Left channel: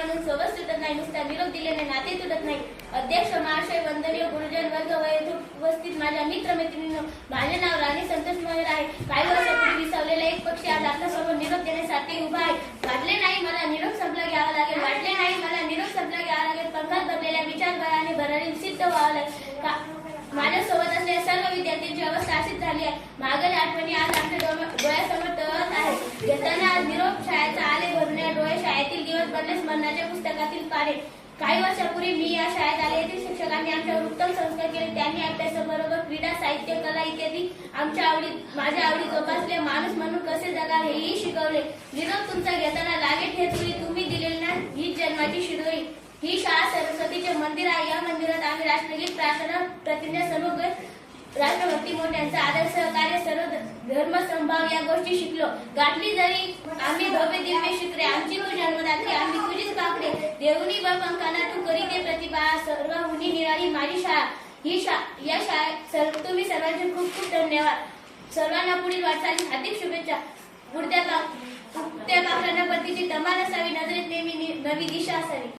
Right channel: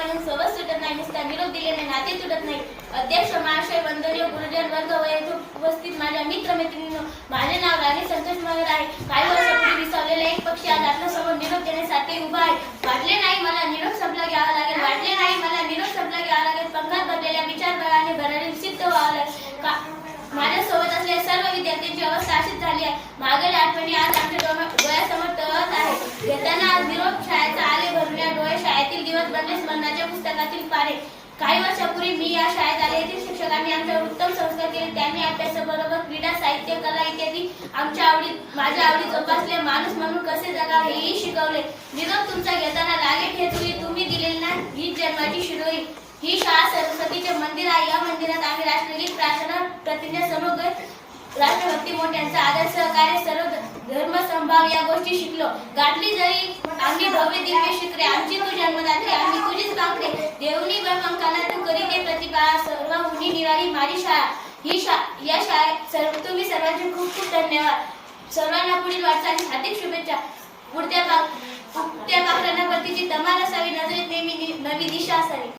म्हणून सोबत सुटत नाही, नुसता निरोप दिलेले नाते तुटत नाही. अध्यक्ष महाशय, वंदनीय गुरुजन वर्ग व येथे उपस्थित माझ्या मित्र मैत्रिणींनो, माझे नाव राणी संतोष महेर आहे. काही वर्षापूर्वी विसावलेला एक पक्षी आज आपल्यासमोर निरोप देण्यासाठी उभा आहे. वाटले नाही मला निरोप संपला घ्यावा लागेल, वाटले नाही मला निरोप संपला घ्यावा लागेल. पंखात भरलेल्या विचारबळाने भरारी सिद्ध व्हावं लागेल. माझ्यासोबत असलेल्या सर्व विद्यार्थ्यांची अवस्था अशीच झाली आहे. मागील आठवणी आज आमच्या डोळ्यासमोर तळत आहे. घेताना आज निरोप शाळेचा आले भरल्या डोळे, शाळेतील दिवस बनले स्मरणाच्या पुस्तकातील पाने. काही वर्षापूर्वी मी या शाळेत आले. येथील शिक्षकांनी आमच्यावर उत्तम संस्कार केले. त्यांनी अभ्यासाबरोबर क्रीडा, साहित्य, कला इत्यादी माझ्या आवडी जोपासल्या. माणूस म्हणून कसे जगावे हेही शिकवले. निरोप तुमचा घेताना लागेल हे तुम्ही दिलेली ना हीच जन्माची शिरोई. ही शाळा सरस्वतीचे मंदिर आहे. या मंदिरात आम्ही राष्ट्रगीत, प्रार्थना, प्रतिज्ञा, समूह, राष्ट्रभक्ती, मोठ्यांचा आदर, सहकार्य, सर्व धर्म समभाव या गोष्टी शिकलो. गाठली जरी आम्ही भव्य दिव्य शिखरे, आमची तू जन्मदात्री, आम्ही तुझीच काकडे. देवनी व पंखाना तू करीते प्रतिभा, सर्व मुनी निराळी माझी शाळा. या शाळेत तुम्ही सर्वांचे खूप खूप धन्यवाद. सर्वांना पुढील वाटचालीस हार्दिक शुभेच्छा. पुढत्या पाखरांना परतीची तमाल असावी, नजरेत नेहमी नवी दिशा असावी.